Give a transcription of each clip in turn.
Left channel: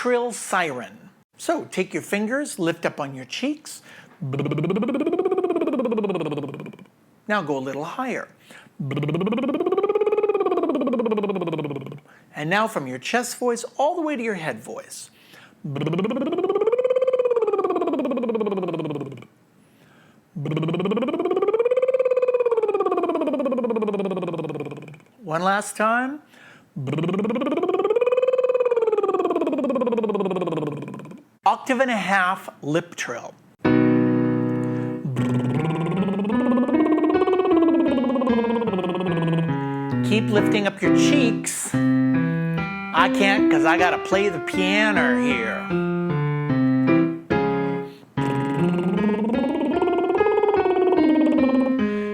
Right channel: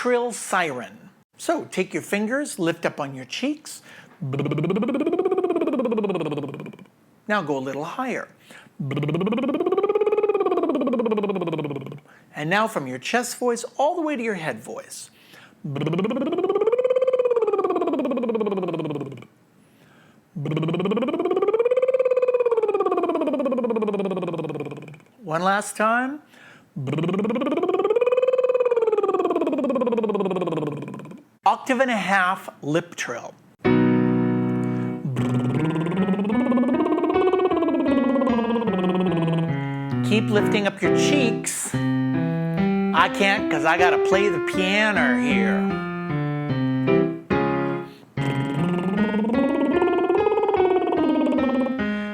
trill siren. So take your fingers, lift up on your cheeks. Now go a little higher. And now from your chest voice all the way to your head voice. One last time. Octave and a half lip trill. Keep lifting up your cheeks. I can't because I gotta play the piano here.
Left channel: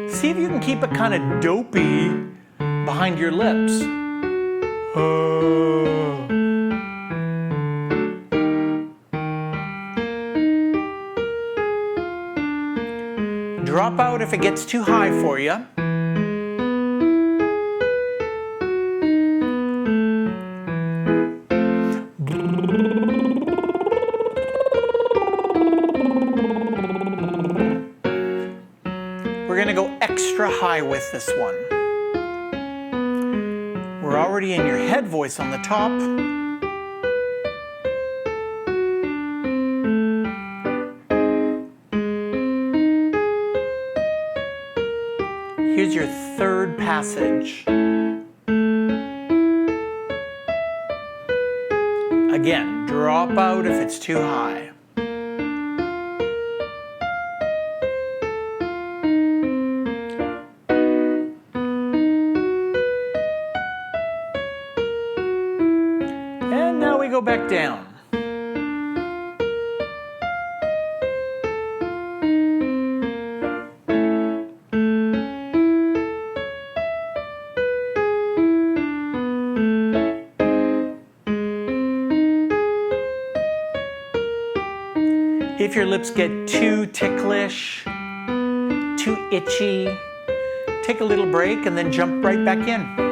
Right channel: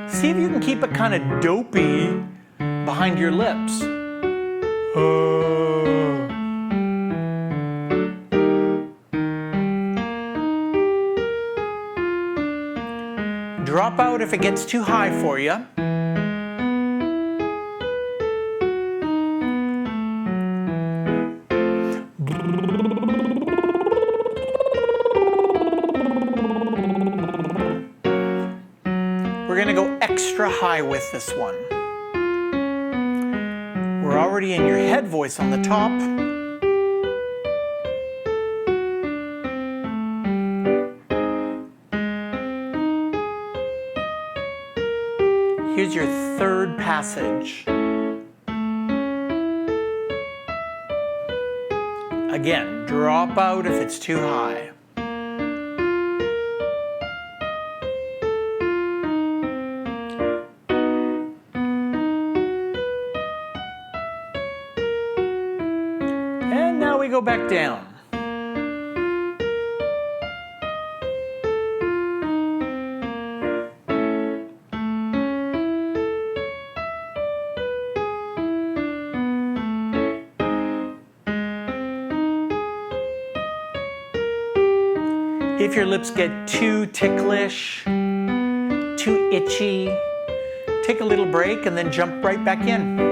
See if you can keep it kind of dopey behind your lips. Drop out if it gets too high for you. We're going to go extra high with this one. We're already in your head voice on the top. Here's your third passage. Again, drop out if it's too high. And now we go back down. If your lips get too ticklish, too itchy, take a little break and then jump right back in.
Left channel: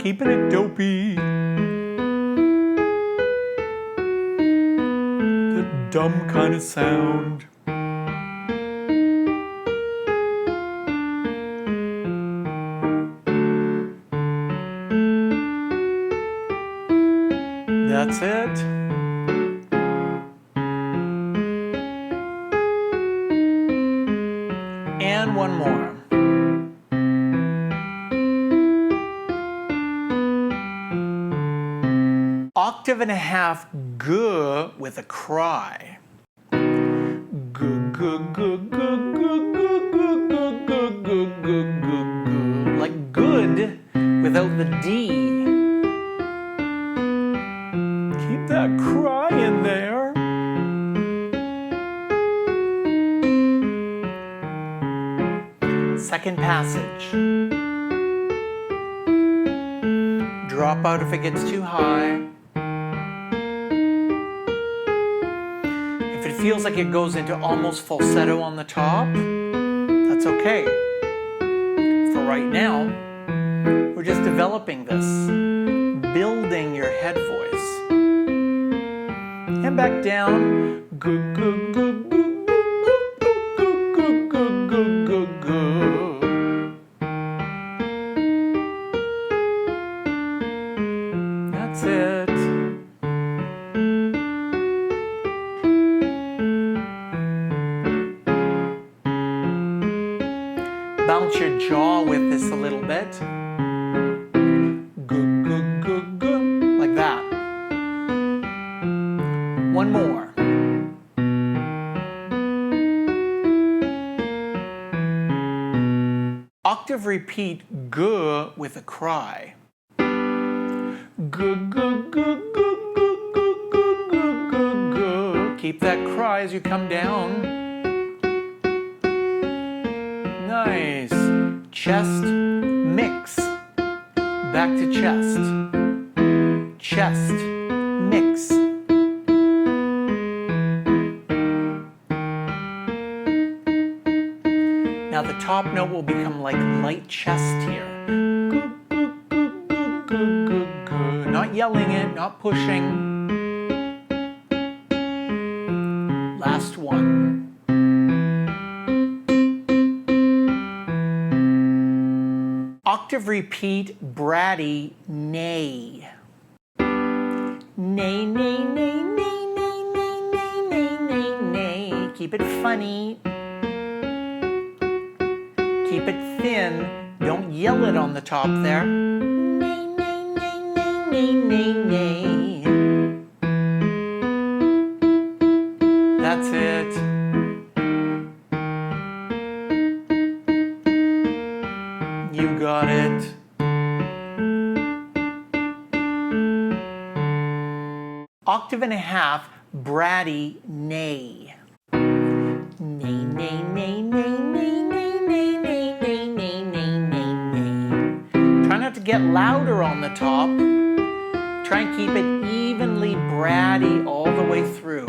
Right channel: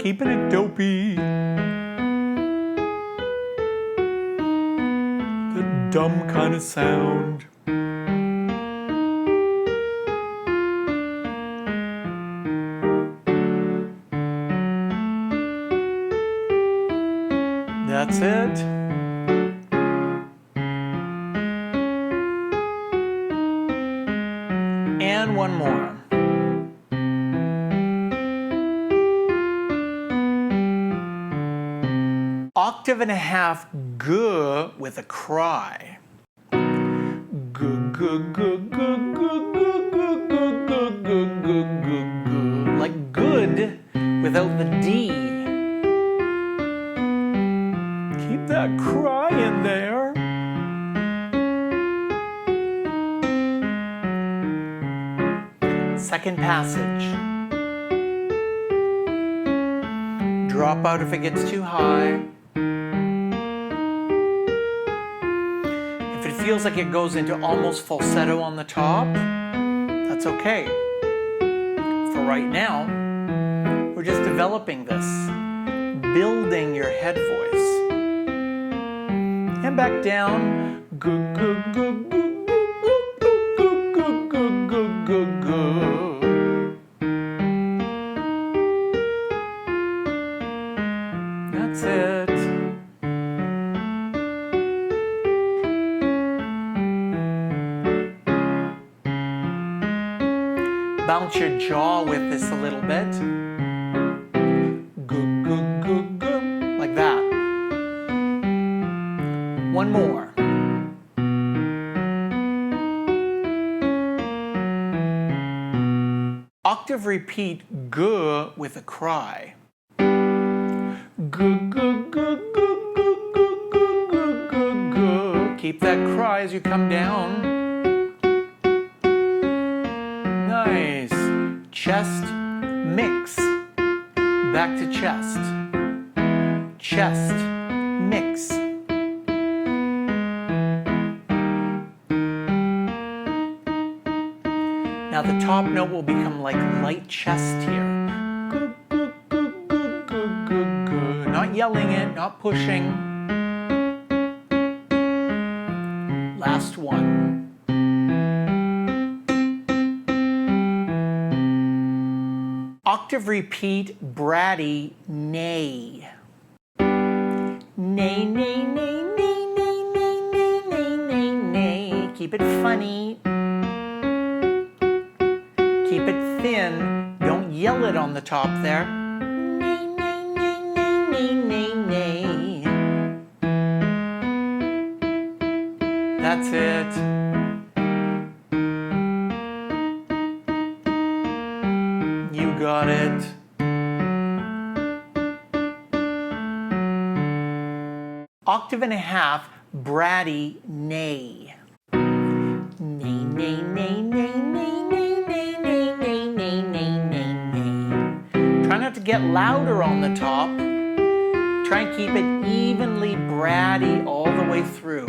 Keeping it dopey. The dumb kind of sound. That's it. And one more. Octave and a half g with a cry. G, g, g, g, g, g, g, g, g, g. Like good without the D. Keep that cry in there. Second passage. Drop out if it gets too high. If it feels like it goes into almost falsetto on the top, that's okay. For right now, we're just developing this, building your head voice. And back down. Gu, gu, gu, gu, gu, gu, gu, gu, gu, gu. That's it. Bounce your jaw with this a little bit. Gu, gu, gu, gu. Like that. One more. Octave repeat g with a cry. G, g, g, g, g, g, g, g, g. Keep that cry as you come down. Nice. Chest, mix. Back to chest. Chest, mix. top note will become like light chest here. Not yelling it, not pushing. Last one. Octave repeat, bratty, neigh. Neigh, neigh, neigh, neigh, neigh, neigh, neigh, neigh, neigh, neigh. Keep it funny. Keep it thin. Don't yell it on the top there. Neigh, neigh, neigh, neigh, neigh, neigh, neigh. That's it. You got it. Octave and a half, bratty, neigh. Neigh, neigh, neigh, neigh, neigh, neigh, neigh, neigh, neigh, neigh, neigh, neigh, neigh. Try not to get louder on the top. Try and keep it evenly bratty all the way through.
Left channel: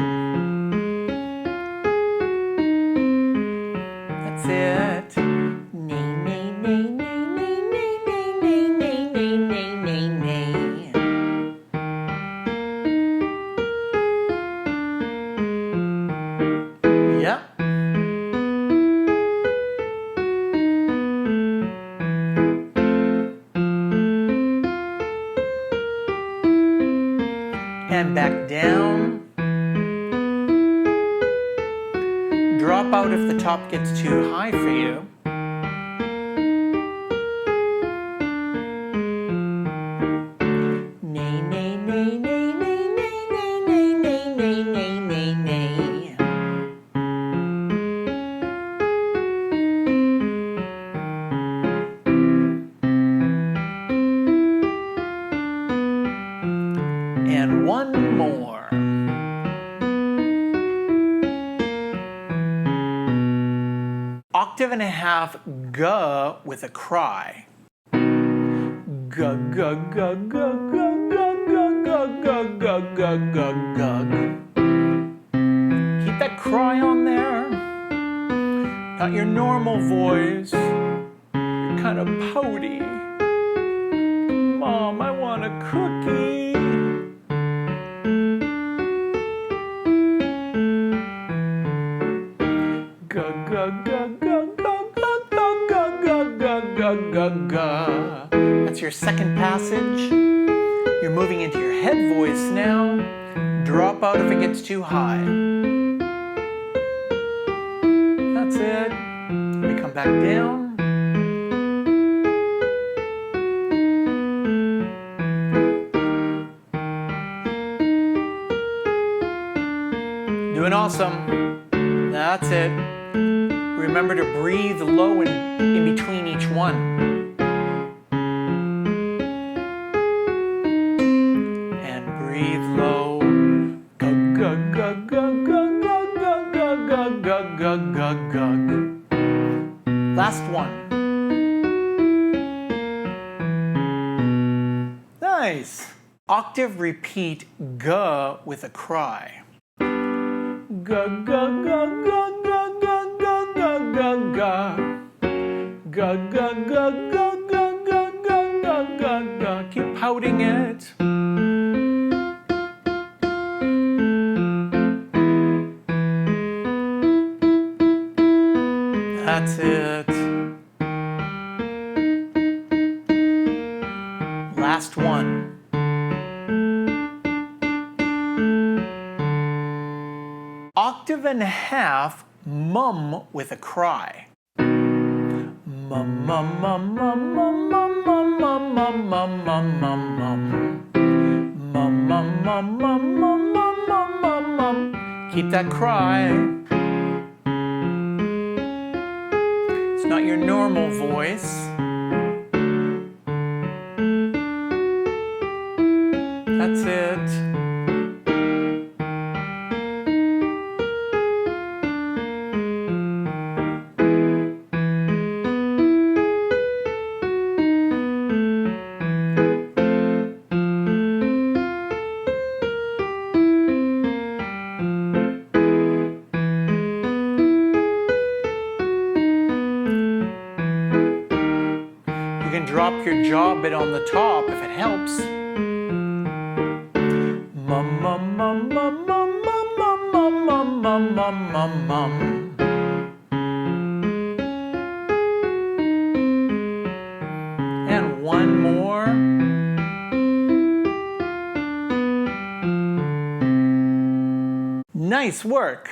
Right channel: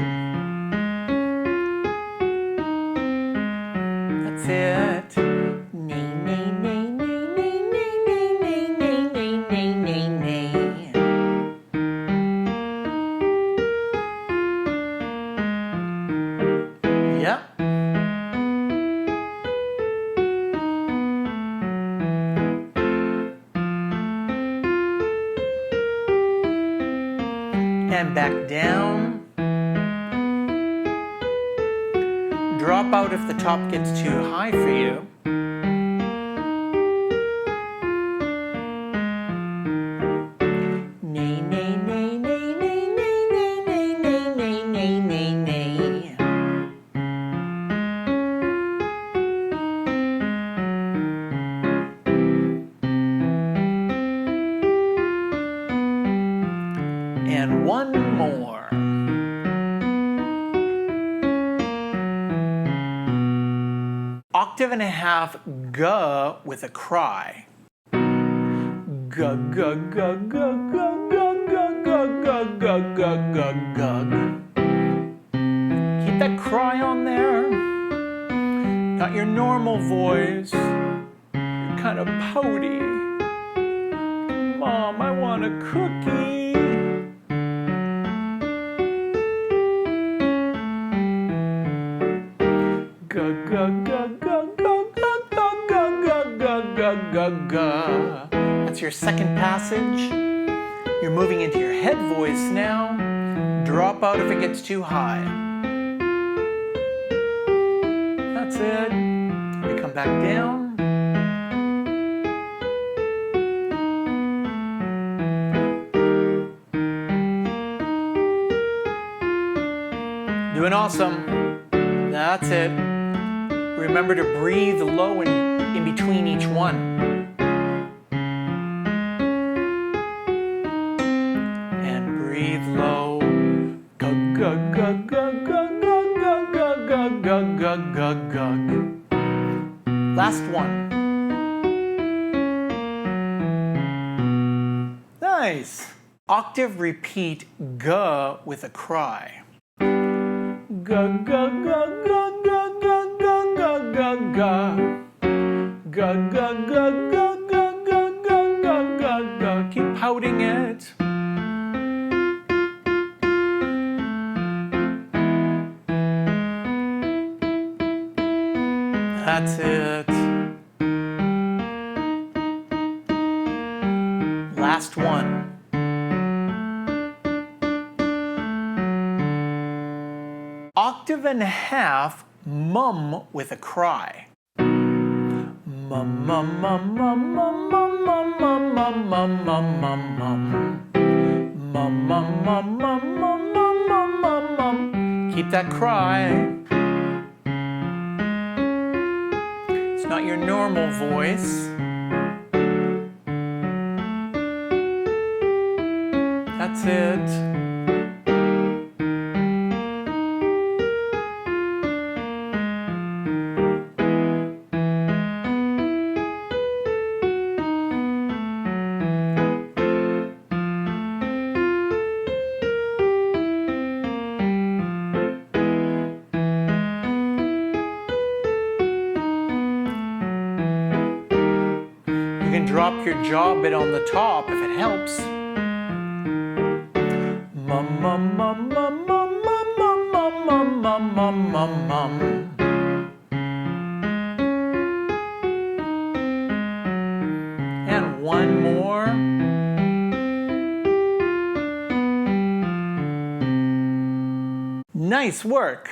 That's it. Neigh, neigh, neigh, neigh, neigh, neigh, neigh, neigh, neigh, neigh, neigh, neigh. Yep. And back down. Drop out if the top gets too high for you. Neigh, neigh, neigh, neigh, neigh, neigh, neigh, neigh, neigh, neigh, neigh, neigh. And one more. Octave and a half, guh with a cry. Guh, guh, guh, guh, guh, guh, guh, guh, guh, guh, guh, guh, guh. Keep that cry on there. Not your normal voice. You're kind of pouty. Mom, I want a cookie. Guh, guh, guh, guh, guh, guh, guh, guh, guh, guh, guh, guh. That's your second passage. You're moving into your head voice now. Drop out if it gets too high. That's it. We come back down. Doing awesome. That's it. Remember to breathe low in between each one. And breathe low. Gug, gug, gug, gug, gug, gug, gug, gug, gug, gug, gug, gug. Last one. Nice. Octave repeat, guh with a cry. Gug, gug, gug, gug, gug, gug, gug, gug, gug, gug. Gug, gug, gug, gug, gug, gug, gug, gug, gug, gug. Keep pouting it. That's it. Last one. Octave and a half, mum with a cry. Mum, mum, mum, mum, mum, mum, mum, mum, mum, mum, mum, mum, mum. Mum, mum, mum, mum, mum, mum, mum, mum, mum. Keep that cry. It's not your normal voice. That's it. drop your jaw a bit on the top if it helps. Mum, mum, mum, mum, mum, mum, mum, mum, mum, mum, mum, mum, mum. And one more. Nice work.